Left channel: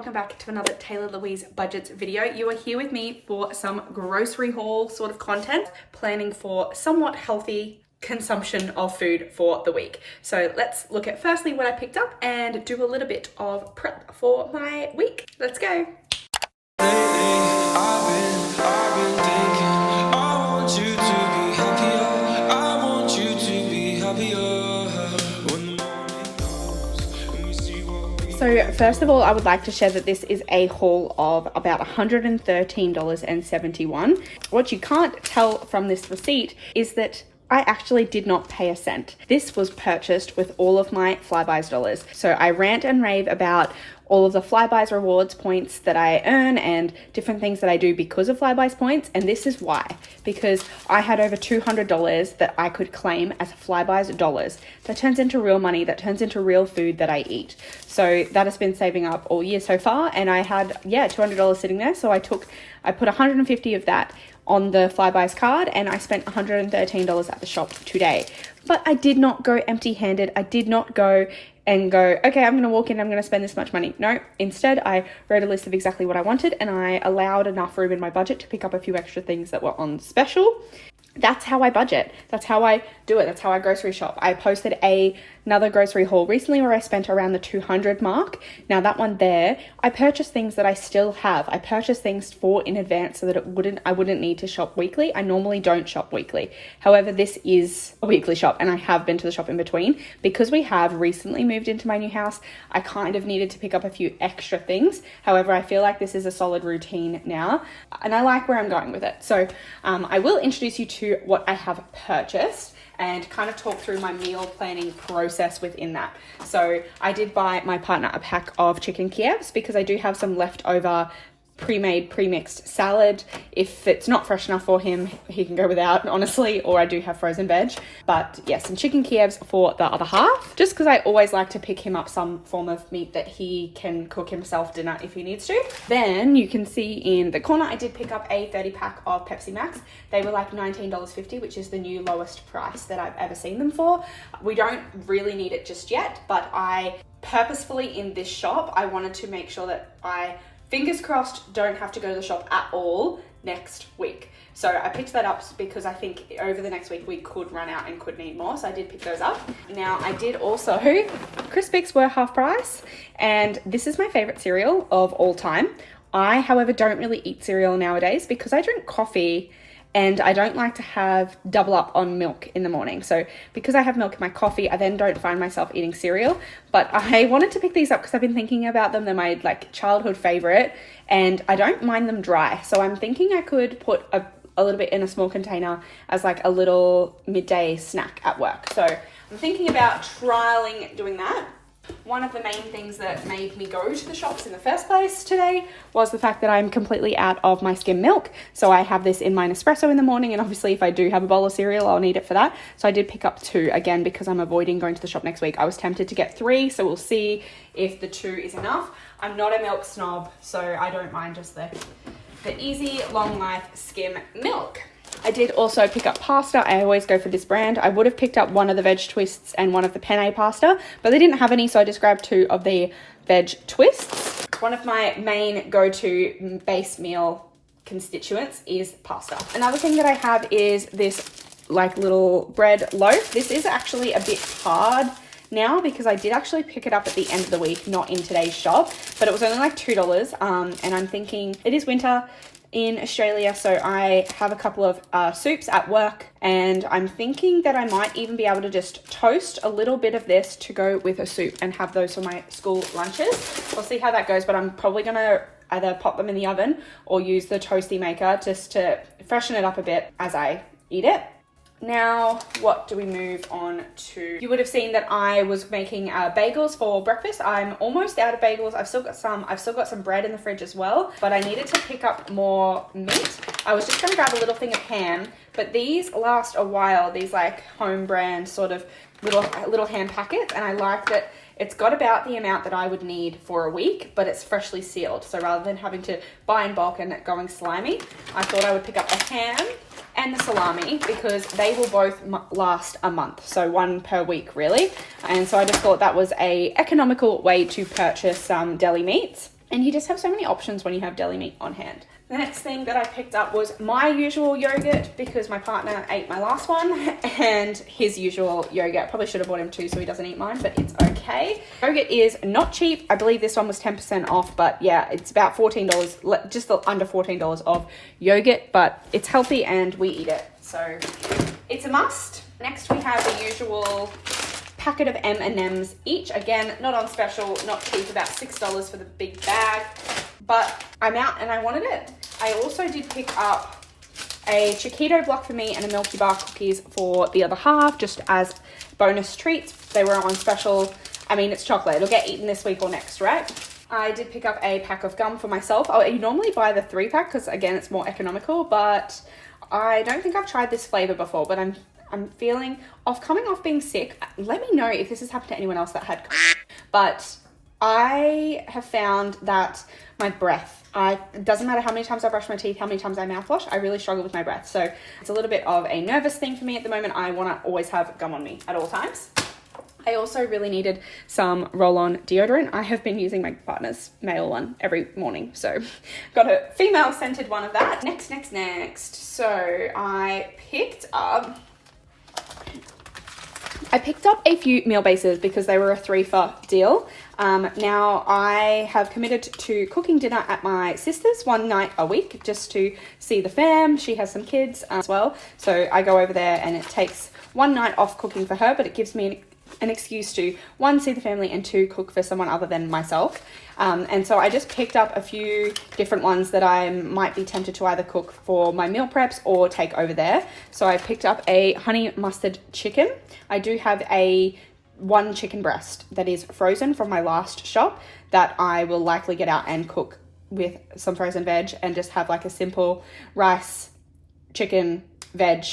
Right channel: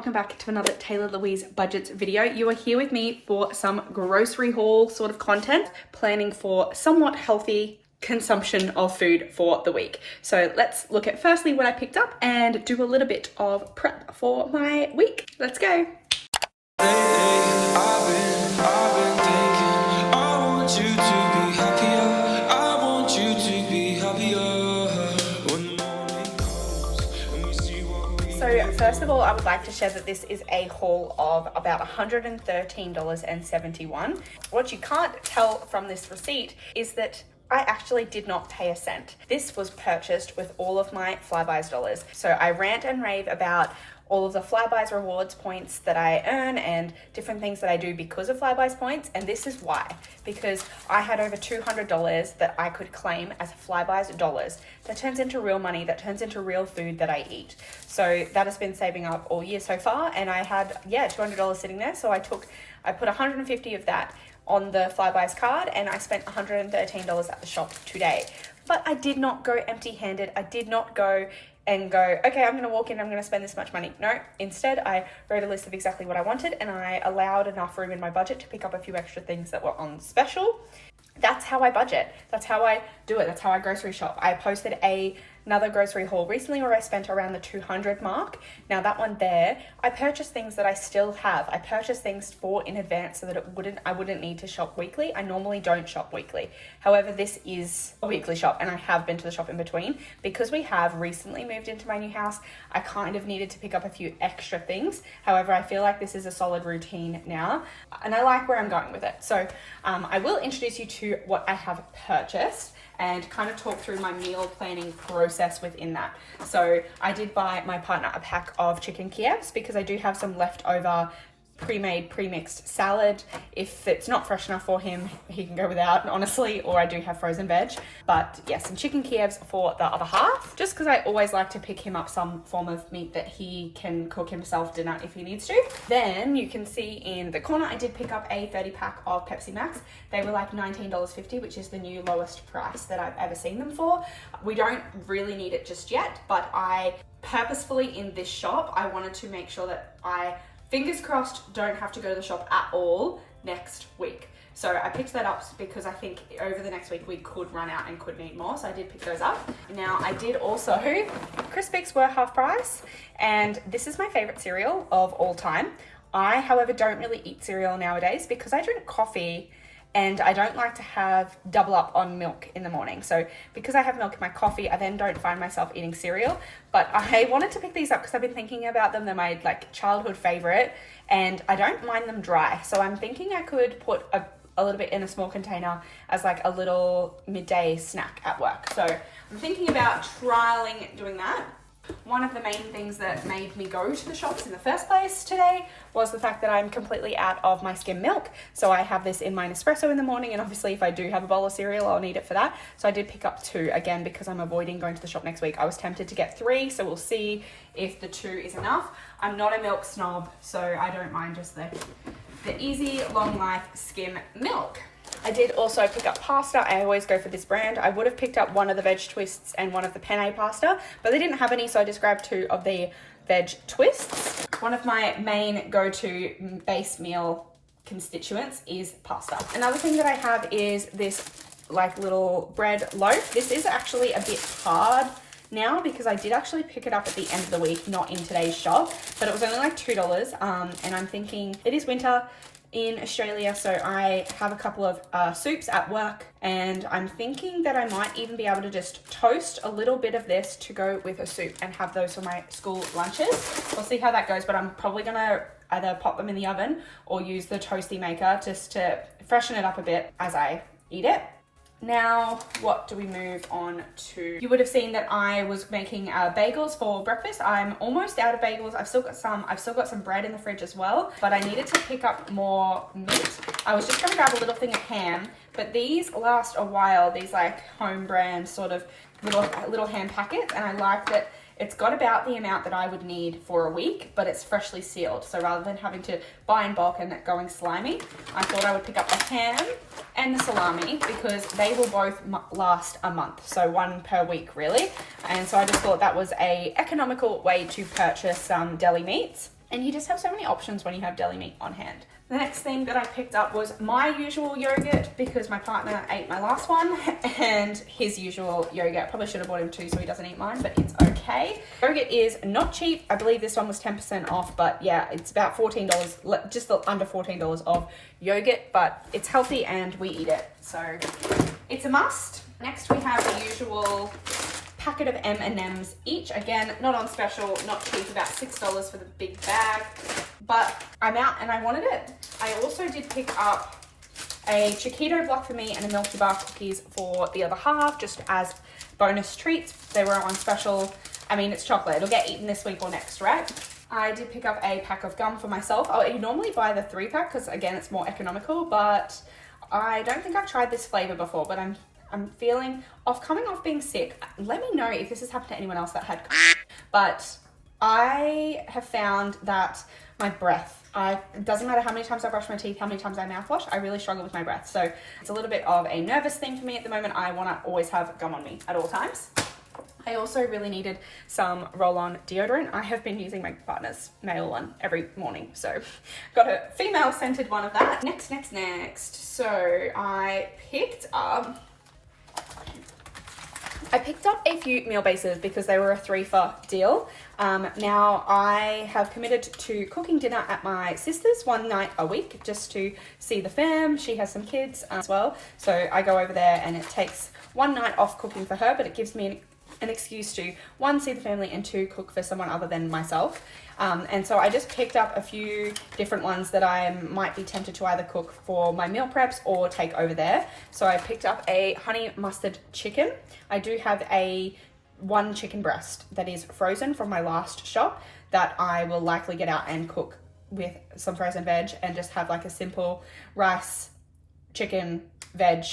welcome back to another Taylah Louise budgets video. You are here with me for some grocery haul sort of content, planning for somewhat healthy consumption of food for the week. So let's look at firstly what I picked up and do a little bit of prep for my week. Let's go. I've been thinking, I want you to be happier. I want you to be happier. When the morning comes and we see what we So first of all, I would like to share that this is a haul of about $113.71. What you can't tell from this receipt is that I actually did not pay a cent. This was purchased with all of my Flybuys dollars. So I rant and rave about all of the Flybuys rewards points that I earn and different things that I do because of Flybuys points. And this is why, because I had over $200 that I could claim as Flybuys dollars. That turns into real money, that turns into real food that I eat. So that has been saving up all year so far. And I had, $200 sitting there. So I put 150 of that on the Flybuys card and I spent $113 at the shop today. But I did not go empty-handed. I did not go, okay, I'm gonna walk in, I'm gonna spend this much money. No, instead I wrote a list of exactly what I wanted and I allowed enough room in my budget to pick up a few extra things that were on special. That's how I budget. That's how I do it. That's how I grocery shop. I posted another grocery haul recently where I spent around the 200 mark. Now that one there, I purchased things that I still have. I purchased things in advance so that I wouldn't need to shop weekly. I normally don't shop weekly. However, this is a weekly shop and I have been to the shop in between. Because we have recently moved into my new house, I kind of needed to pick up a few extra things. However, I feel like this is a solid routine now and I like where I'm going with it. So I will introduce you to what I have purchased and kind of talk through my meal planning process within that. So I did buy my partner a pack of chicken Kievs because I do have some leftover pre-made, pre-mixed salad. If it's not fresh enough for him, he can go without, honestly, or I do have frozen veg. But yes, some chicken Kievs for the other half, just because I always like to pick him up some form of meat that he can cook himself dinner if he needs to. Then you can see in the corner, I did pick up a 30 pack of Pepsi Max. They were like $19.50, which is the new lowest price that I've ever seen them for. We don't really need it just yet, but I purposefully in this shop, I wanted to make sure that I, fingers crossed, don't have to go to the shop at all next week. So I picked that up because I think over the next week we could run out and could need more. So I did pick those up. Now I did also, Crispix were half price and this is my favorite cereal of all time. I, however, don't really eat cereal nowadays because I drink coffee and I don't like to have double up on milk in the morning. So because I have milk in my coffee, I then don't find myself eating cereal. But I wanted to pick these up because I've been thinking about them. They're my childhood favorite and I don't mind them dry. So I'm thinking I could put a little bit in a small container as like a little midday snack at work. So I'm thinking about trialing doing that. One of the main things that made me go to the shops in the first place today was the fact that I'm completely out of my skim milk. So I have this in my Nespresso in the morning, and obviously if I do have a bowl of cereal, I'll need it for that. So I did pick up 2 again because I'm avoiding going to the shop next week. I was tempted to get 3, so we'll see if the 2 is enough. I'm not a milk snob, so I don't mind just the easy long life skim milk. I did also pick up pasta. I always go for this brand. I would have picked up one of the veg twists and one of the penne pasta, but they didn't have any, so I just grabbed 2 of the veg twists. One of my main go-to base meal constituents is pasta. Another thing that I have is this little bread loaf. This is actually a bit hard now because I did actually pick it up at the end of the week, not in today's shop, but it was only like $2. And I'm thinking it is winter in Australia, so I have a couple of soups at work and I'm thinking that I might even be able to just toast a little bit of this to go with a soup and have those for my school lunches. We'll see how that goes, but I'm probably gonna either pop them in the oven or use the toasty maker just to freshen it up a bit as I eat it. Now, what do we move on to? You would have seen that I was making bagels for breakfast. I'm almost out of bagels. I've still got some bread in the fridge as well, but I needed to pick up more meat. I was just gonna grab a little thing of ham, but these last a while, these home brand sort of little ham packets, and I like that it's got about the amount that I would need for a week, but it's freshly sealed. So rather than having to buy in bulk and it going slimy, I thought I would pick up the ham and the salami because they will both last a month. So 1 per week really. And so I just thought that was a economical way to purchase some deli meats. And you just have so many options when you have deli meat on hand. The next thing that I picked up was my usual yogurt because my partner ate my last one, and his usual yogurt. Probably should have bought him two so he doesn't eat mine, but it's okay. Yogurt is not cheap. I believe this one was 10% off, but yeah, it's about $14, just under $14 of yogurt, but it's healthy and we eat it. So it's a must. Next we have the usual packet of M&Ms each. Again, not on special, not cheap, about $6 for the big bag, but I'm out and I wanted it. I also did pick up a Chiquito block for me and a Milky Bar cookies for the other half, just as bonus treats. They were on special. I mean, it's chocolate. It'll get eaten this week or next, right? I did pick up a pack of gum for myself. I normally buy the 3-pack because, again, it's more economical, but I don't think I've tried this flavor before, but I'm feeling coming off being sick. Let me know if this has happened to anyone else that had COVID. But I have found that my breath, it doesn't matter how many times I brush my teeth, how many times I mouthwash, I really struggle with my breath. So it's a little bit of a nervous thing for me at the moment. I want to always have gum on me at all times. I also really needed some roll-on deodorant. I have been using my partner's male one every morning, so got a female scented one of that. Next. So I picked up a few meal bases because they were a 3-for deal. Now I have committed to cooking dinner at my sister's one night a week just to see the fam. She has some kids as well, so I go over there and it takes one night off cooking for her, but it gives me an excuse to, 1, see the family, and 2, cook for someone other than myself. And so I just picked up a few different ones that I might be tempted to either cook for my meal preps or take over there. So I picked up a honey mustard chicken. I do have one chicken breast that is frozen from my last shop that I will likely get out and cook with some frozen veg and just have like a simple rice, chicken, veg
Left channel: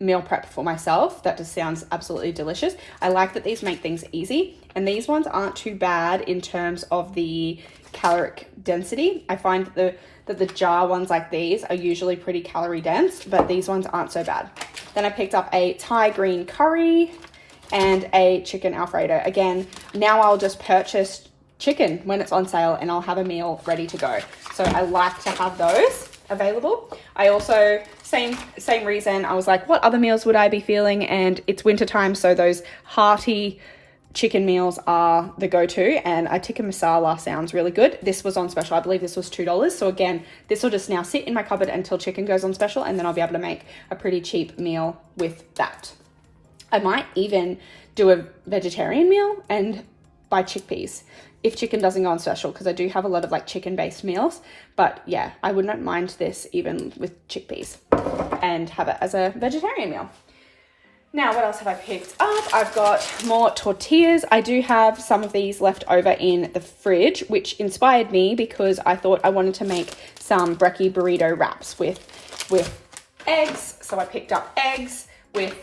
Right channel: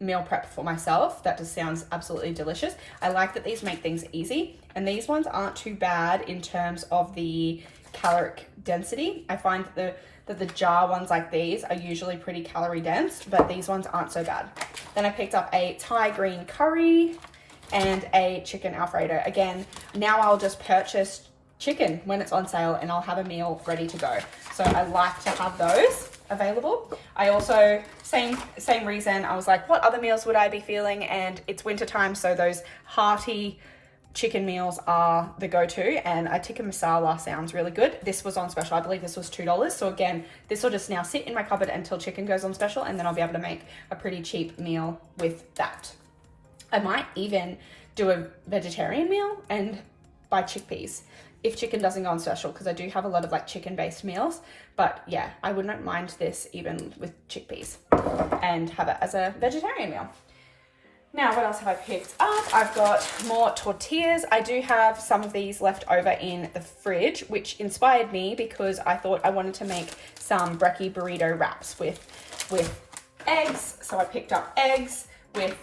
meal prep for myself. That just sounds absolutely delicious. I like that these make things easy, and these ones aren't too bad in terms of the caloric density. I find that the jar ones like these are usually pretty calorie dense, but these ones aren't so bad. Then I picked up a Thai green curry and a chicken Alfredo. Again, now I'll just purchase chicken when it's on sale and I'll have a meal ready to go. So I like to have those available. I also, same reason, I was like, what other meals would I be feeling? And it's winter time, so those hearty chicken meals are the go-to, and a tikka masala sounds really good. This was on special. I believe this was $2. So again, this will just now sit in my cupboard until chicken goes on special, and then I'll be able to make a pretty cheap meal with that. I might even do a vegetarian meal and buy chickpeas if chicken doesn't go on special, because I do have a lot of like chicken-based meals. But yeah, I wouldn't mind this even with chickpeas and have it as a vegetarian meal. Now, what else have I picked up? I've got more tortillas. I do have some of these left over in the fridge, which inspired me because I thought I wanted to make some brekkie burrito wraps with eggs. So I picked up eggs with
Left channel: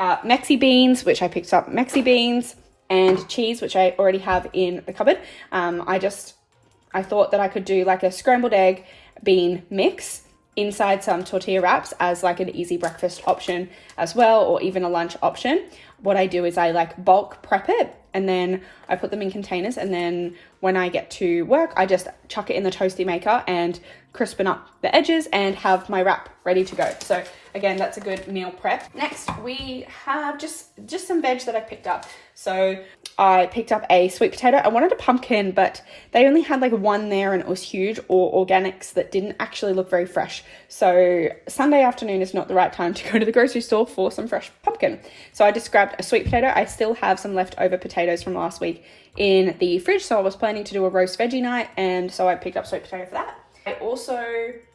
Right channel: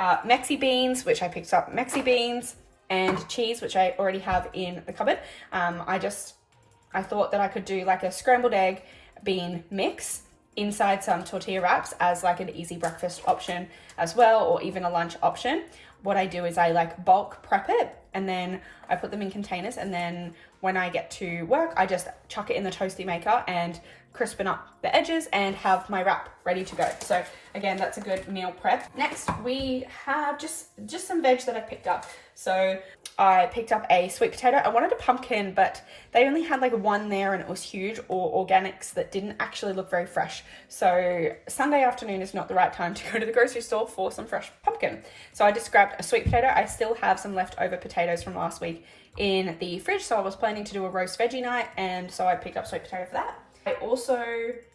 Mexi beans, which I picked up Mexi beans, and cheese, which I already have in the cupboard. I thought that I could do like a scrambled egg bean mix inside some tortilla wraps as like an easy breakfast option as well, or even a lunch option. What I do is I like bulk prep it, and then I put them in containers, and then when I get to work, I just chuck it in the toasty maker and crispen up the edges and have my wrap ready to go. So again, that's a good meal prep. Next, we have just some veg that I picked up. So I picked up a sweet potato. I wanted a pumpkin, but they only had like one there and it was huge, or organics that didn't actually look very fresh. So Sunday afternoon is not the right time to go to the grocery store for some fresh pumpkin. So I just grabbed a sweet potato. I still have some leftover potatoes from last week in the fridge, so I was planning to do a roast veggie night, and so I picked up sweet potato for that. I also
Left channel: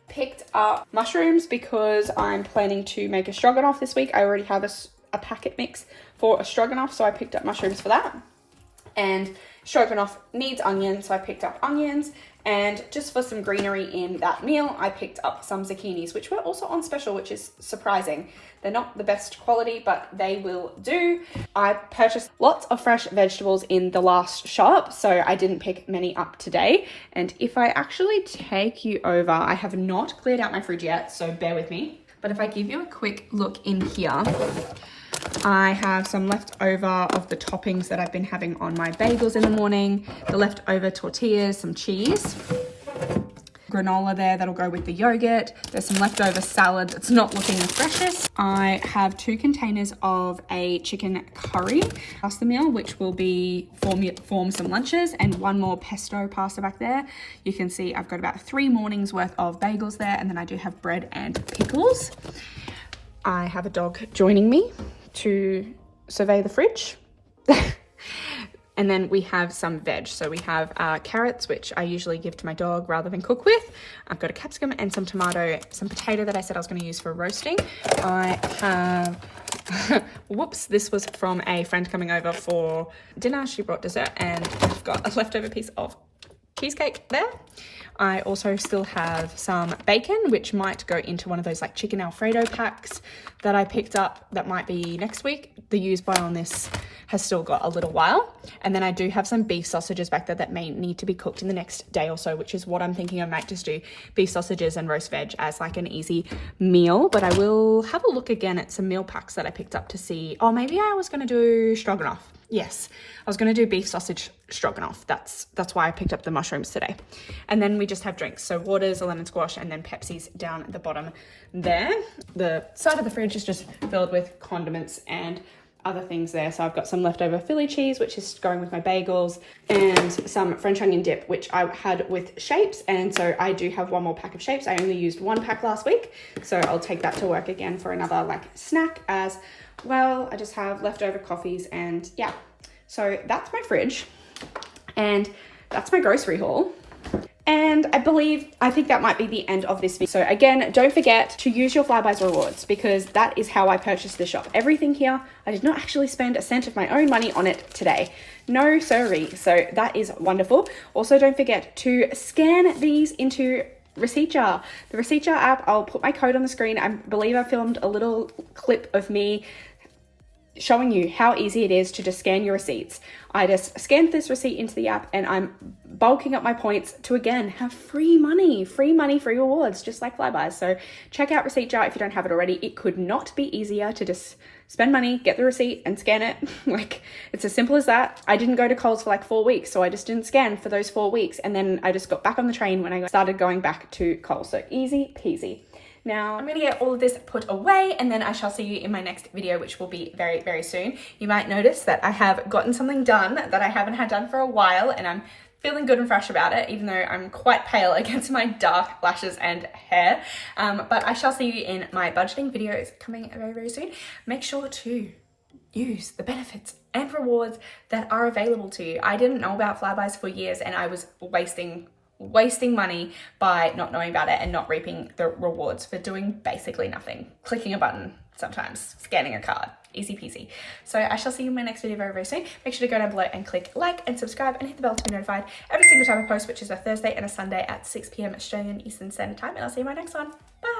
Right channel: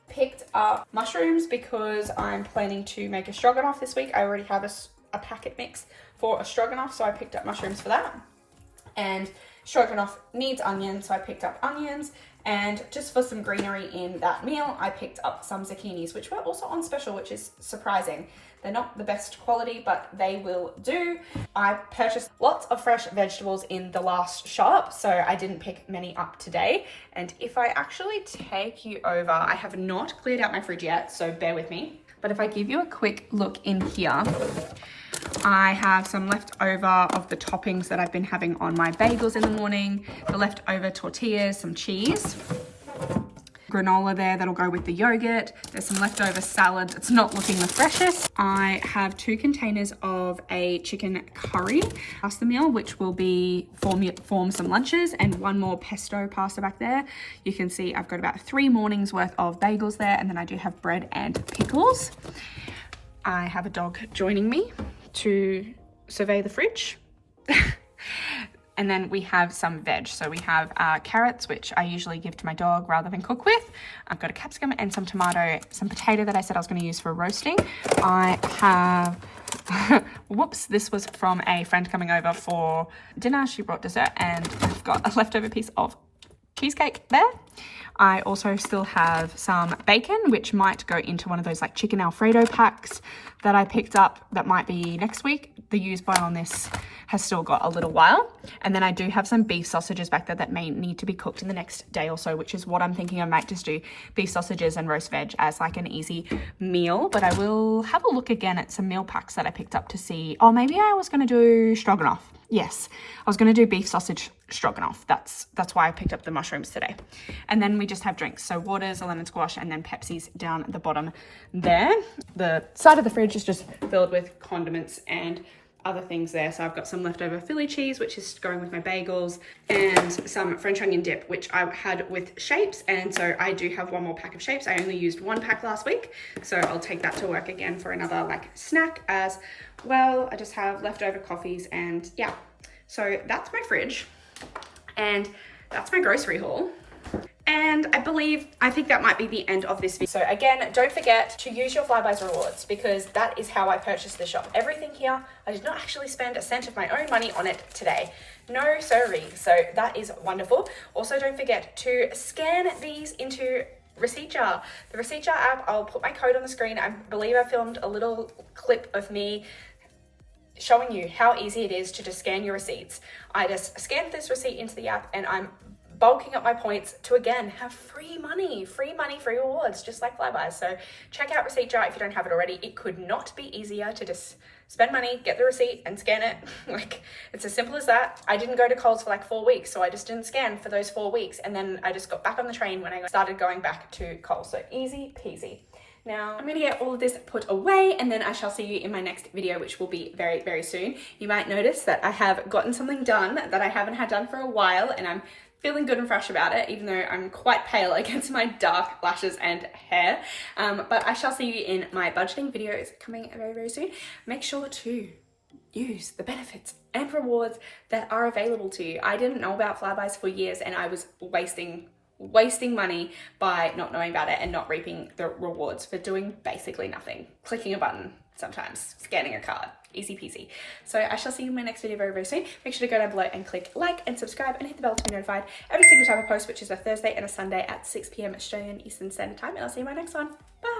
picked up mushrooms because I'm planning to make a stroganoff this week. I already have a packet mix for a stroganoff, so I picked up mushrooms for that. And stroganoff needs onions, so I picked up onions. And just for some greenery in that meal, I picked up some zucchinis, which were also on special, which is surprising. They're not the best quality, but they will do. I purchased lots of fresh vegetables in the last shop, so I didn't pick many up today. And if I actually take you over, I have not cleared out my fridge yet, so bear with me. But if I give you a quick look in here, I have some leftover of the toppings that I've been having on my bagels in the morning, the leftover tortillas, some cheese, granola there that'll go with the yogurt. There's some leftover salad that's not looking the freshest. I have 2 containers of a chicken curry pasta meal, which will be form some lunches, and 1 more pesto pasta back there. You can see I've got about 3 mornings worth of bagels there, and then I do have bread and pickles. I have a dog joining me to survey the fridge. And then we have some veg. So we have carrots, which I usually give to my dog rather than cook with. I've got a capsicum and some tomato, some potato that I said I was going to use for roasting. I have, whoops, this was from a friend coming over for dinner. She brought dessert, and I've got a leftover piece of cheesecake there. I also still have some bacon, which might go into one of those like chicken Alfredo packs that I picked up that might be next week. The use by on this has still got a little while. And then I do have some beef sausages back there that may need to be cooked in the next day or so, which is what I'm thinking I might just do, beef sausages and roast veg as like an easy meal. But I will have a look again at some meal packs that I picked up to see, oh, maybe I was going to do stroganoff. Yes, I was going to do beef sausage stroganoff. That's why I picked up the mushrooms today. And then we just have drinks. So waters, a lemon squash, and then Pepsi's down at the bottom there. The side of the fridge is just filled with condiments and other things there. So I've got some leftover Philly cheese, which is going with my bagels, and some French onion dip, which I had with shapes. And so I do have 1 more pack of shapes. I only used 1 pack last week, so I'll take that to work again for another like snack as well. I just have leftover coffees, and yeah. So that's my fridge, and that's my grocery haul. And I think that might be the end of this video. So again, don't forget to use your Flybuys rewards, because that is how I purchased this shop. Everything here, I did not actually spend a cent of my own money on it today. No siree. So that is wonderful. Also, don't forget to scan these into Receipt Jar. The Receipt Jar app, I'll put my code on the screen. I believe I filmed a little clip of me showing you how easy it is to just scan your receipts. I just scanned this receipt into the app, and I'm bulking up my points to again have free money, free rewards, just like Flybuys. So check out Receipt Jar if you don't have it already. It could not be easier to just spend money, get the receipt, and scan it. Like, it's as simple as that. I didn't go to Coles for like 4 weeks, so I just didn't scan for those 4 weeks, and then I just got back on the train when I started going back to Coles. So easy peasy. Now, I'm going to get all of this put away, and then I shall see you in my next video, which will be very, very soon. You might notice that I have gotten something done that I haven't had done for a while, and I'm feeling good and fresh about it, even though I'm quite pale against my dark lashes and hair. But I shall see you in my budgeting videos coming very, very soon. Make sure to use the benefits and rewards that are available to you. I didn't know about Flybuys for years, and I was wasting money by not knowing about it and not reaping the rewards for doing basically nothing. Clicking a button sometimes, scanning a card, easy peasy. So I shall see you in my next video very, very soon. Make sure to go down below and click like and subscribe and hit the bell to be notified every single time I post, which is a Thursday and a Sunday at 6 p.m. Australian Eastern Standard Time. And I'll see you in my next one. Bye.